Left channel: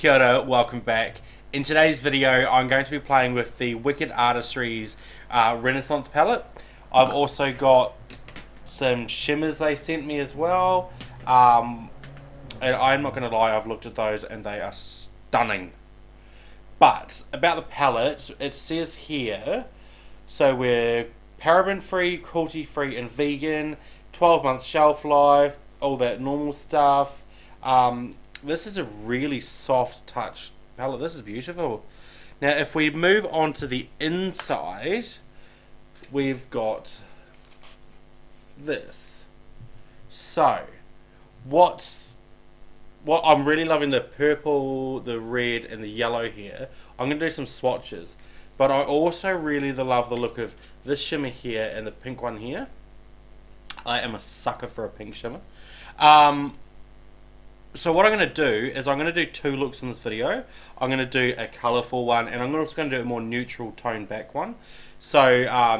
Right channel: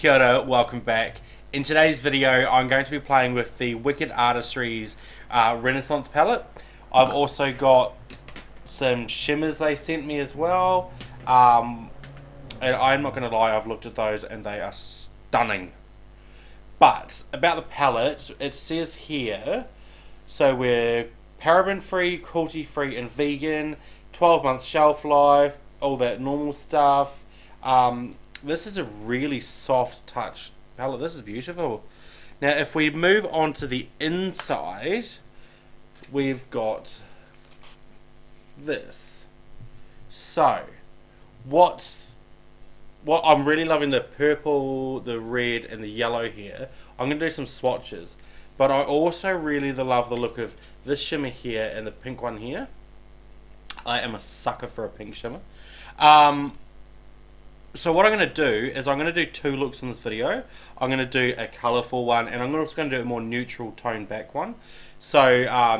Kia ora, welcome back. In today's video, I'm going to be playing with the Wikked Artistry's Renaissance Palette. I've also got some shimmers they sent me as well. And I'm not going to lie, I've looked at those and they are stunning. But about the palette, it says here, so we're paraben free, cruelty free and vegan, 12 months shelf life, all that normal stuff. This is a really soft touch palette. This is beautiful. Now if we move on to the inside, we've got this. So what I'm really loving the purple, the red and the yellow here. I'm going to do some swatches, but I also really love the look of this shimmer here and the pink one here. I am a sucker for a pink shimmer. So what I'm going to do is I'm going to do two looks in this video. I'm going to do a colourful one and I'm also going to do a more neutral toned back one. So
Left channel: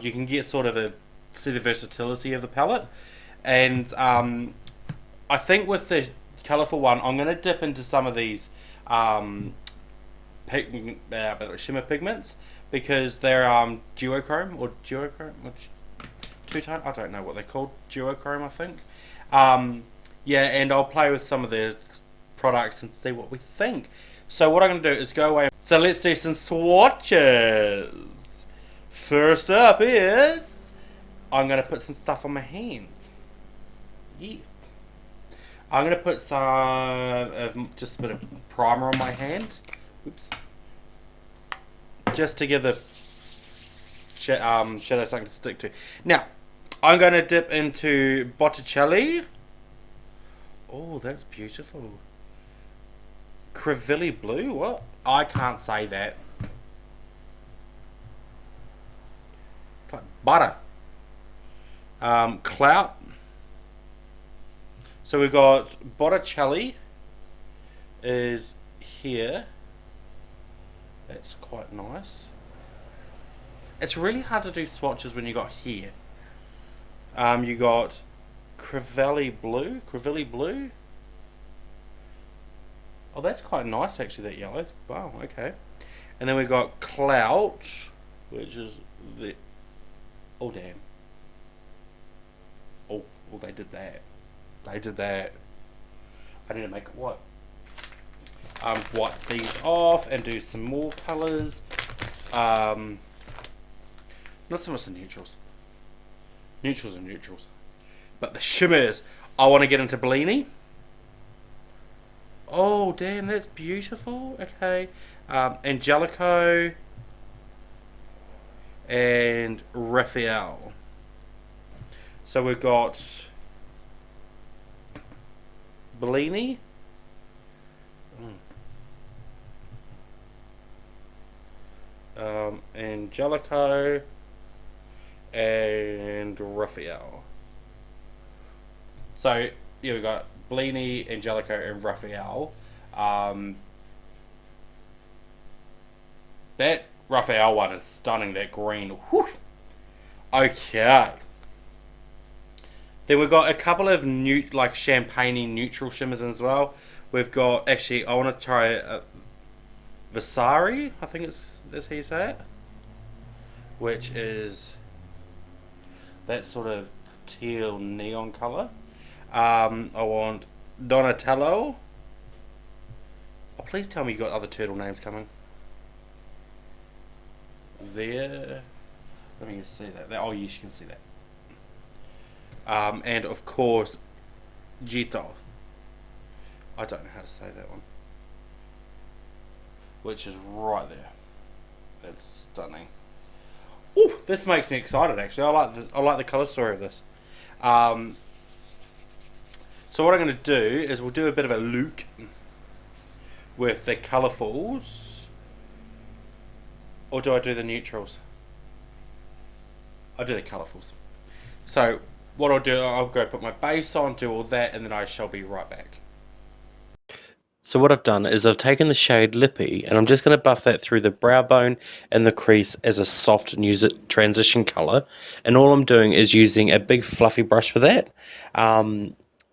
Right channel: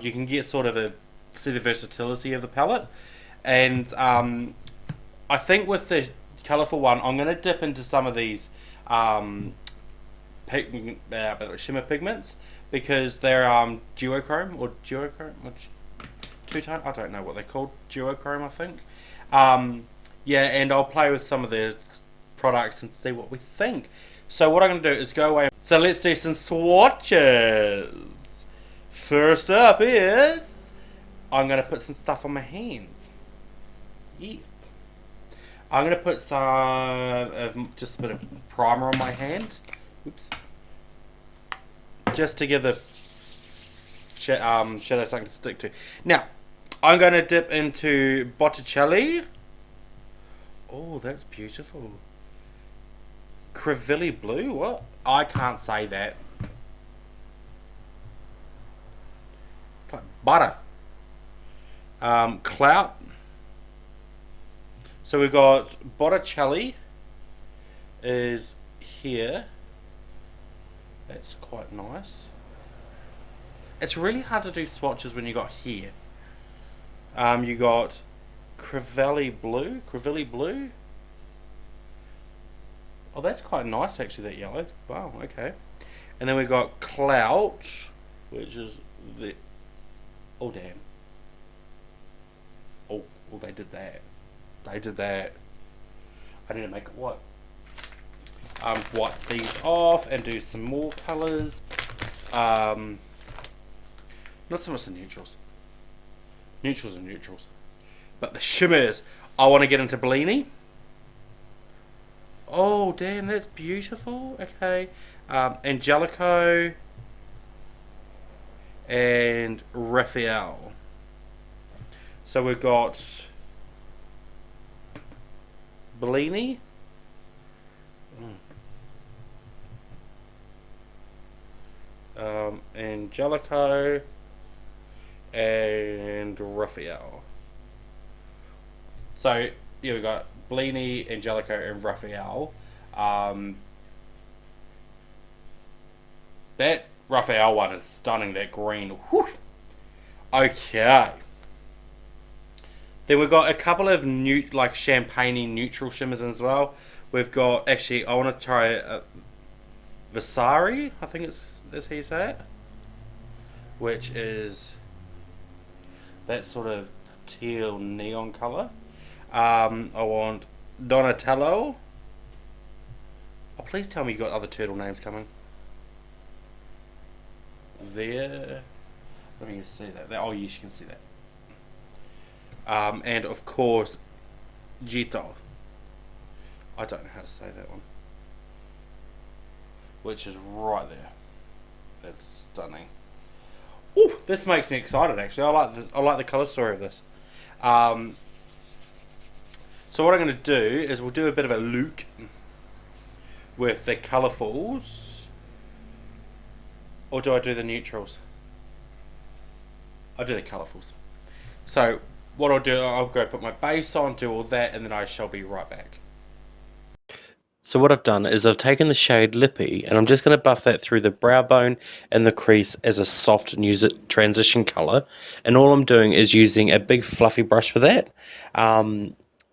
you can get sort of see the versatility of the palette. And I think with the colourful one, I'm going to dip into some of these shimmer pigments because they're duochrome or two-tone. I don't know what they're called. Duochrome, I think. Yeah, and I'll play with some of the products and see what we think. So what I'm going to do is go away. So let's do some swatches. First up is I'm going to put some stuff on my hands. Yes. I'm going to put some just a bit of primer on my hand. Oops. Just to give the shadow something to stick to. Now, I'm going to dip into Botticelli. Oh, that's beautiful. Crevilli blue? What? I can't say that. It's like butter. Clout. So we've got Botticelli is here. That's quite nice. It's really hard to do swatches when you got here. You got Crevilli blue. Oh, that's quite nice actually, that yellow. Wow, okay. And then we've got Clout, which is the... Oh, damn. Oh, well, they did that. I need to make it white. Wipe these off and do some more colours. Not so much the neutrals. Neutrals are neutrals. But the shimmers, I want to get into Bellini. Oh, damn, that's beautiful. Okay. Angelico and Raphael. So we've got Bellini. Angelico and Raphael. So yeah, we got Bellini, Angelico, and Raphael. That Raphael one is stunning. That green. Whew. Okay. Then we've got a couple of like champagne-y neutral shimmers as well. We've got actually. I want to try Vasari. I think that's how you say it. Which is that sort of teal neon colour. I want Donatello. Oh, please tell me you got other turtle names coming. There. Let me just see that. Oh, yes, you can see that. And of course, Gito. I don't know how to say that one. Which is right there. That's stunning. Ooh, this makes me excited. Actually, I like this. I like the color story of this. So what I'm going to do is we'll do a bit of a look with the colourfuls. Or do I do the neutrals? I'll do the colourfuls. So what I'll do, I'll go put my base on, do all that, and then I shall be right back. So what I've done is I've taken the shade Lippy and I'm just going to buff that through the brow bone and the crease as a soft transition colour. And all I'm doing is using a big fluffy brush for that.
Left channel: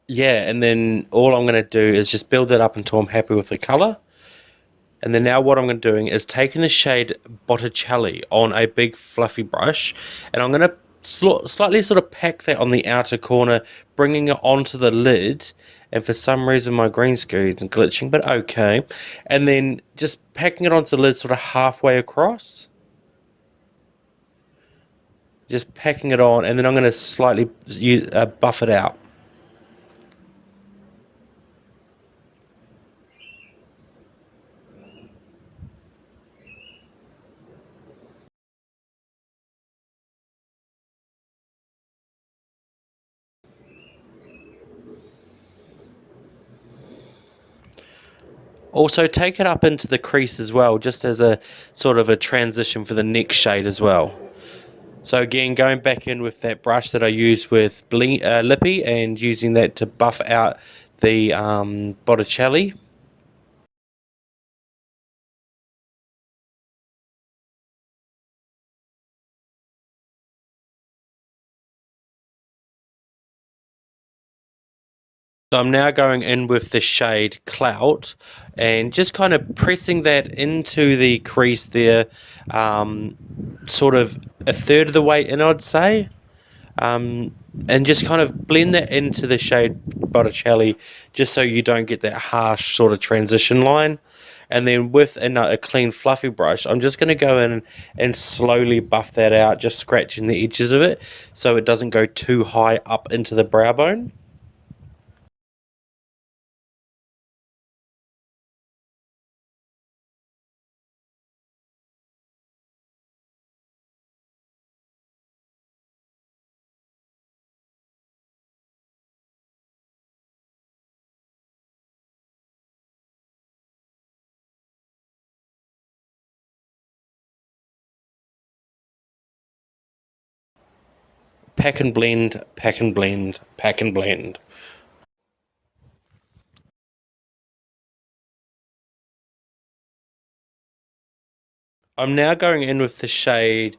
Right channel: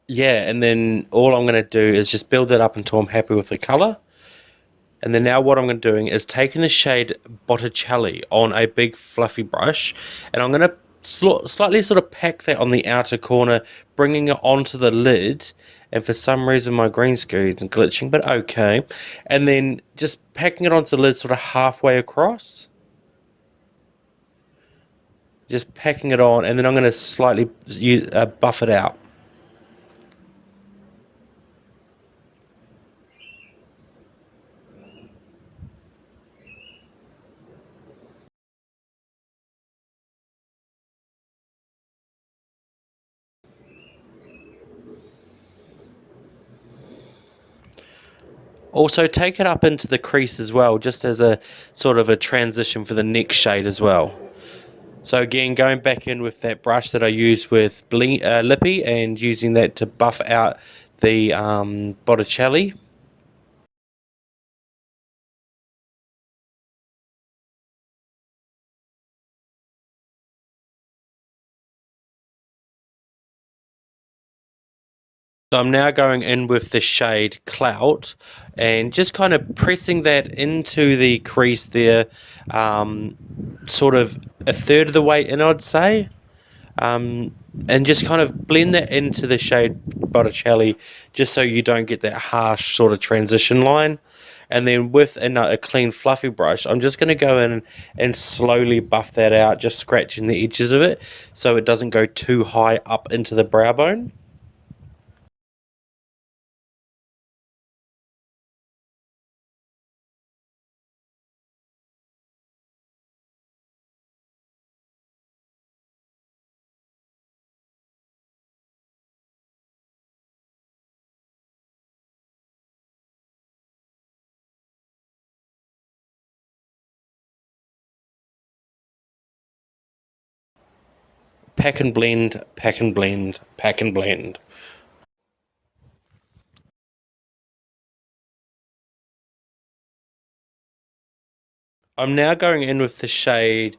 Yeah, and then all I'm going to do is just build that up until I'm happy with the colour. And then now what I'm going to doing is taking the shade Botticelli on a big fluffy brush, and I'm going to slightly sort of pack that on the outer corner, bringing it onto the lid. And for some reason my green screen is glitching, but okay. And then just packing it onto the lid sort of halfway across. Just packing it on, and then I'm going to slightly buff it out. Also take it up into the crease as well, just as a sort of a transition for the next shade as well. So again, going back in with that brush that I used with Lippy, and using that to buff out the Botticelli. So I'm now going in with the shade Clout, and just kind of pressing that into the crease there, sort of a third of the way in, I'd say. And just kind of blend that into the shade Botticelli, just so you don't get that harsh sort of transition line. And then with a clean fluffy brush, I'm just going to go in and slowly buff that out, just scratching the edges of it so it doesn't go too high up into the brow bone. Pack and blend, pack and blend, pack and blend. I'm now going in with the shade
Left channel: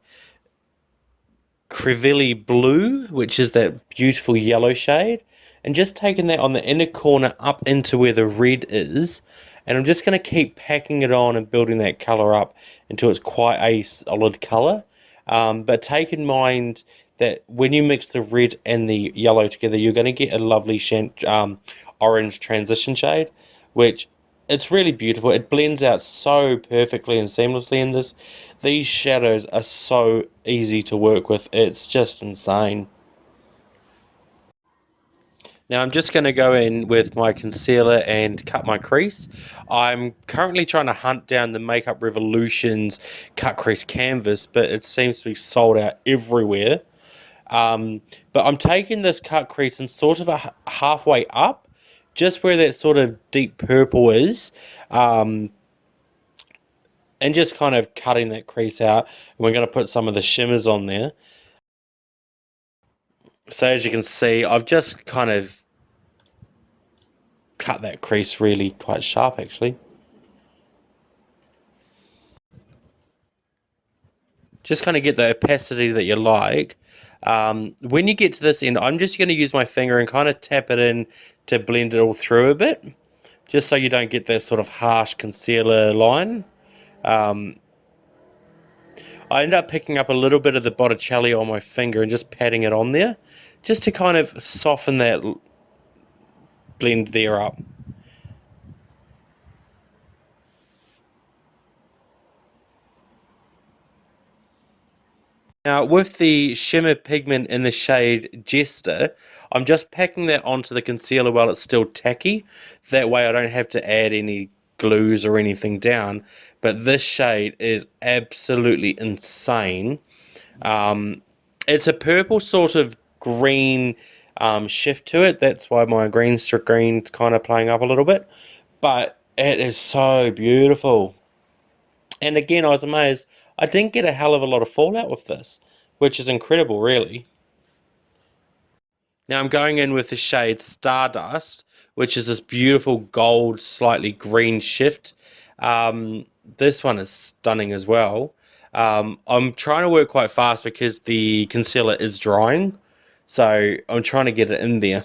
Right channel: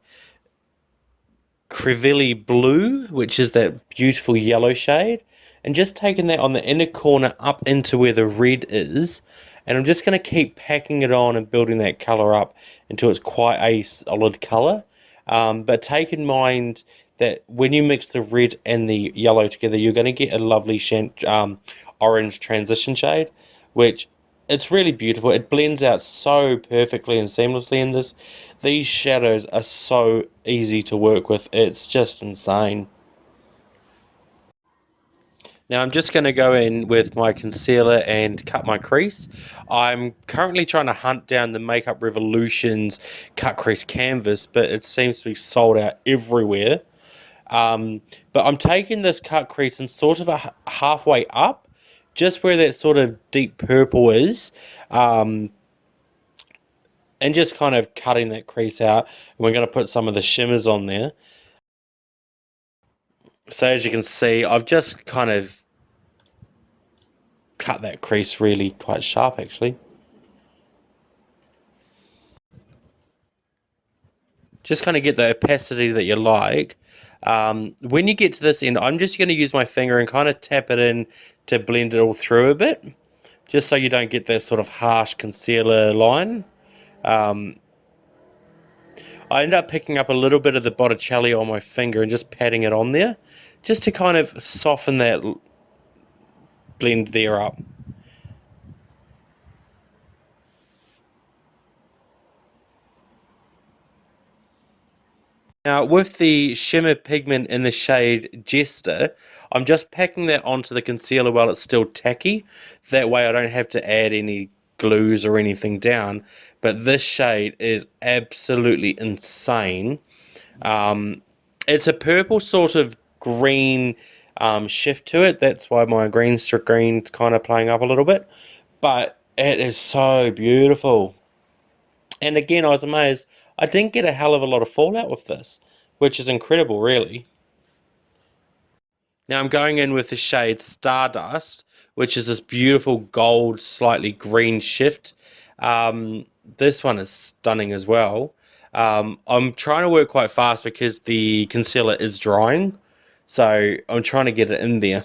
Crevilly Blue, which is that beautiful yellow shade, and just taking that on the inner corner up into where the red is, and I'm just going to keep packing it on and building that colour up until it's quite a solid colour. But take in mind that when you mix the red and the yellow together, you're going to get a lovely orange transition shade, which it's really beautiful. It blends out so perfectly and seamlessly in this. These shadows are so easy to work with. It's just insane. Now I'm just going to go in with my concealer and cut my crease. I'm currently trying to hunt down the Makeup Revolution's cut crease canvas, but it seems to be sold out everywhere. But I'm taking this cut crease and sort of halfway up, just where that sort of deep purple is, um, and just kind of cutting that crease out. And we're going to put some of the shimmers on there. So as you can see, I've just kind of cut that crease really quite sharp actually. Just kind of get the opacity that you like. When you get to this end, I'm just going to use my finger and kind of tap it in to blend it all through a bit, just so you don't get that sort of harsh concealer line. Um, I end up picking up a little bit of the Botticelli on my finger and just patting it on there, just to kind of soften that blend there up. Now, with the shimmer pigment in the shade Jester, I'm just packing that onto the concealer while it's still tacky. That way I don't have to add any glues or anything down. But this shade is absolutely insane. Um, it's a purple sort of green shift to it. That's why my green's kind of playing up a little bit. But it is so beautiful. And again, I was amazed. I didn't get a hell of a lot of fallout with this, which is incredible, really. Now I'm going in with the shade Stardust, which is this beautiful gold, slightly green shift. This one is stunning as well. I'm trying to work quite fast because the concealer is drying, so I'm trying to get it in there.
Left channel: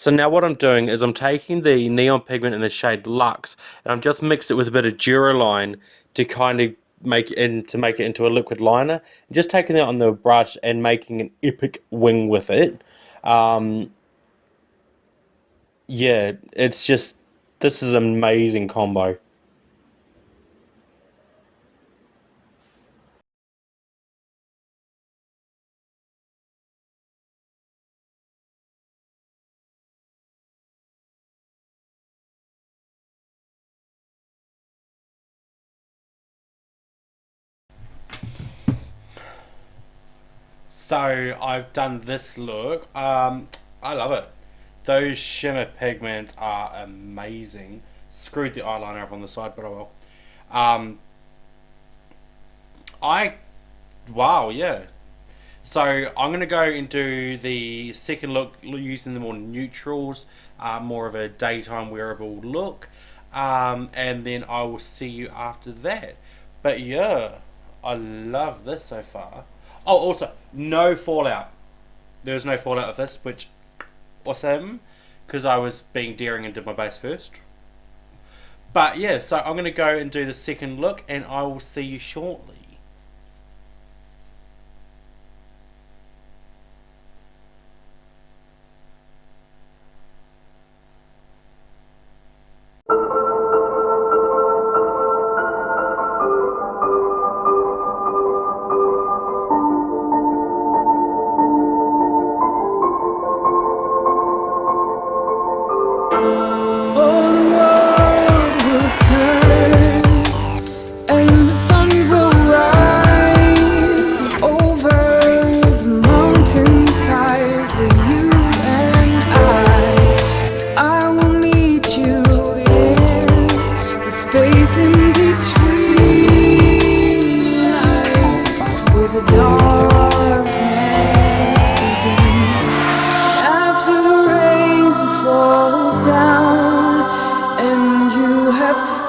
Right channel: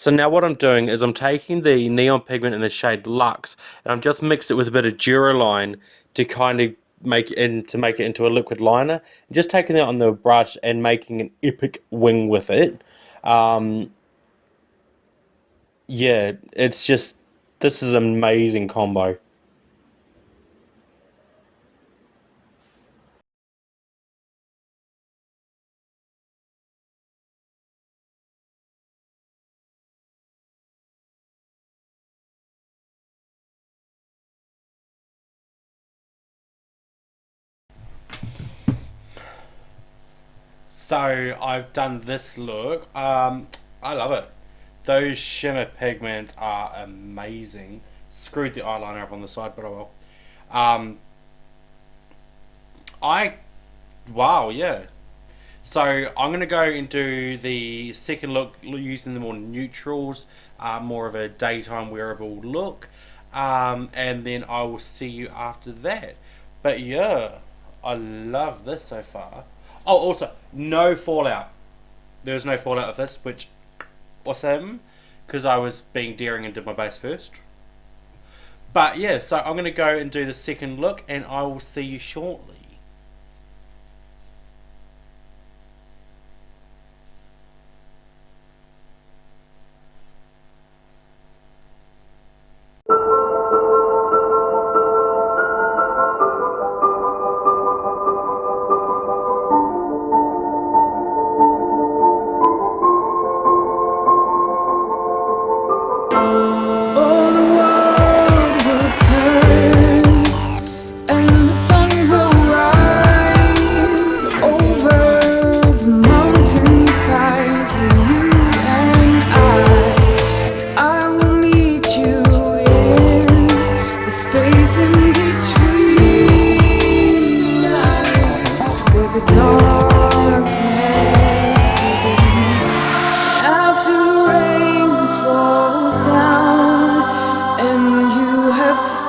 So now what I'm doing is I'm taking the neon pigment in the shade Luxe, and I've just mixed it with a bit of Duraline to kind of make it into a liquid liner. And just taking that on the brush and making an epic wing with it. Um, yeah, it's just, this is an amazing combo. So I've done this look. I love it. Those shimmer pigments are amazing. Screwed the eyeliner up on the side, but I will. Um, I wow, yeah. So I'm gonna go into the second look using the more neutrals, more of a daytime wearable look, and then I will see you after that. But yeah, I love this so far. Oh, also no fallout. There was no fallout of this, which awesome, because I was being daring and did my base first. But yeah, so I'm gonna go and do the second look, and I will see you shortly.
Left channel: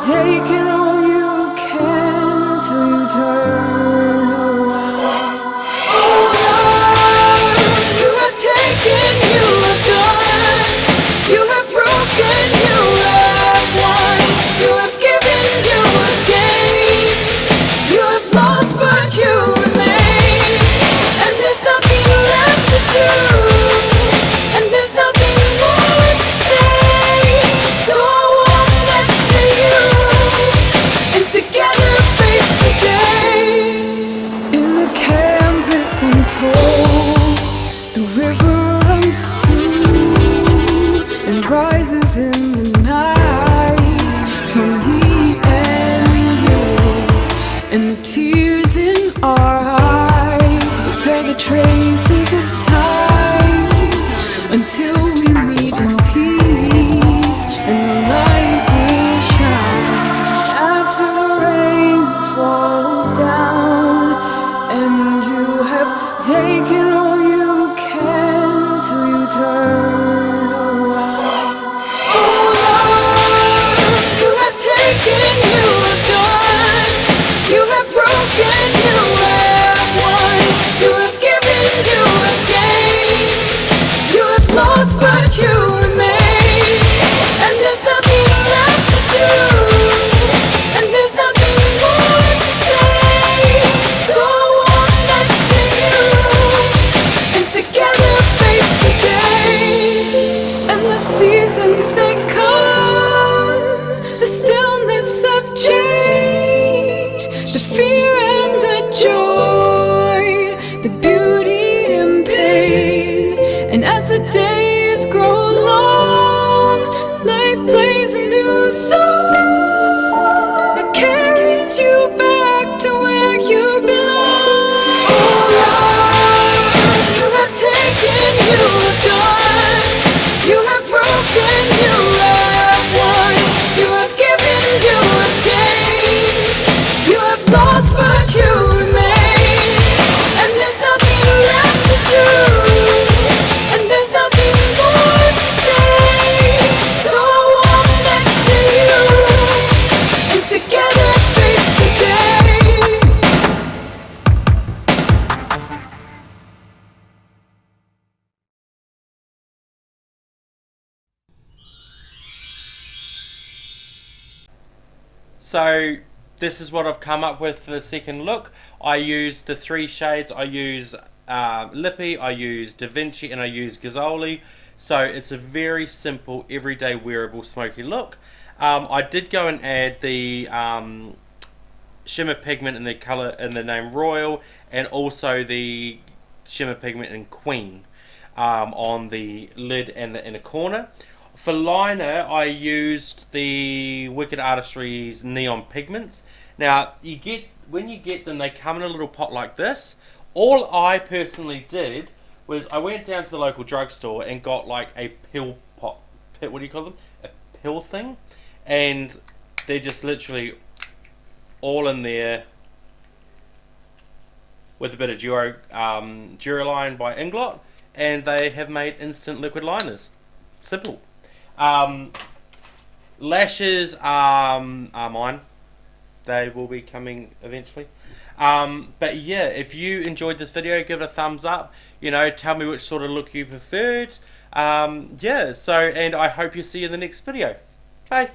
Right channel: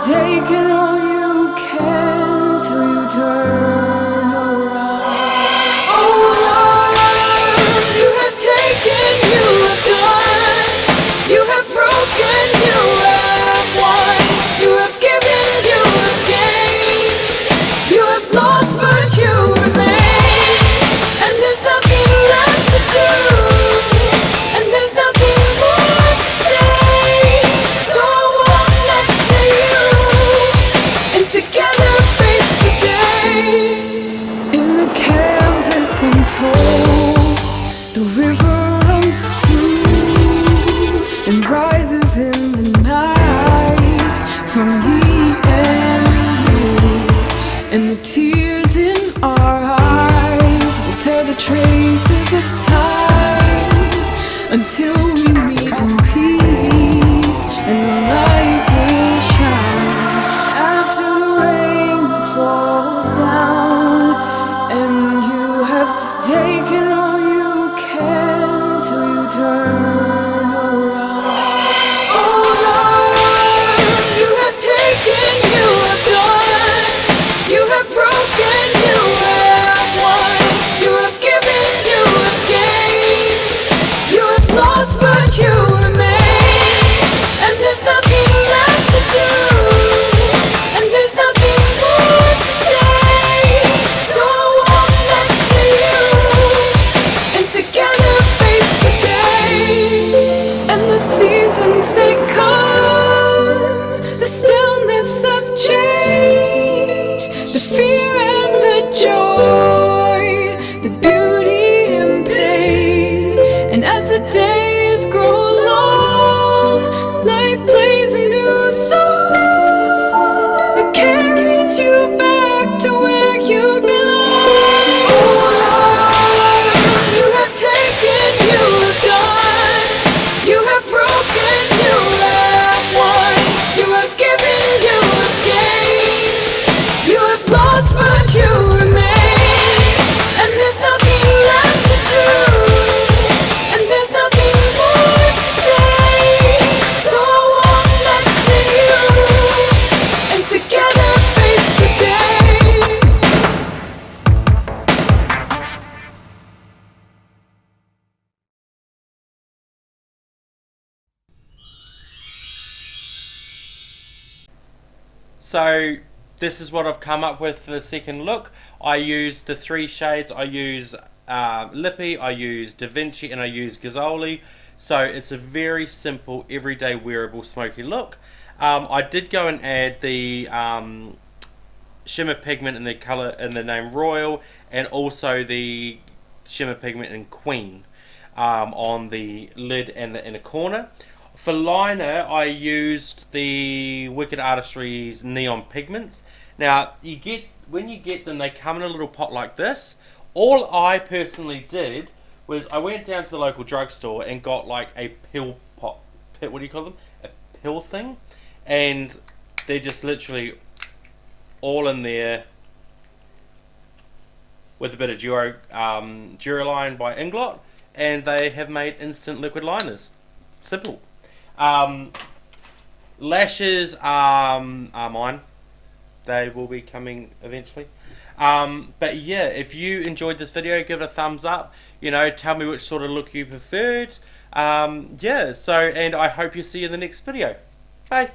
Taking all you can till you turn around. Oh Lord, you have taken, you have done, you have broken, you have won, you have given, you have gained, you have lost but you remain, and there's nothing left to do, and there's nothing more to say, so I'll walk next to you, and together face the day. In the canvas untold, the river runs through and rises in the night from me and you, and the tears in our eyes will tell the traces of time until we meet in peace and the light will shine. After the rain falls down and you have taken all you can till you turn around. Oh Lord, you have taken, you have done, you have broken. So this is what I've come up with for the second look. I used the 3 shades. I use Lippy, I use Da Vinci, and I use Gazzoli. So it's a very simple, everyday wearable smoky look. I did go and add the shimmer pigment in the colour in the name Royal, and also the shimmer pigment in Queen on the lid and the inner corner. For liner, I used the Wikked Artistry's neon pigments. Now, when you get them, they come in a little pot like this. All I personally did was I went down to the local drugstore and got like a pill pot. What do you call them? A pill thing. And they're just literally all in there with a bit of Duraline by Inglot. And they have made instant liquid liners. Simple. Lashes are mine. They will be coming eventually. But yeah, if you enjoyed this video, give it a thumbs up. You know, tell me which sort of look you preferred. Yeah, so, and I hope you see you in the next video. Bye.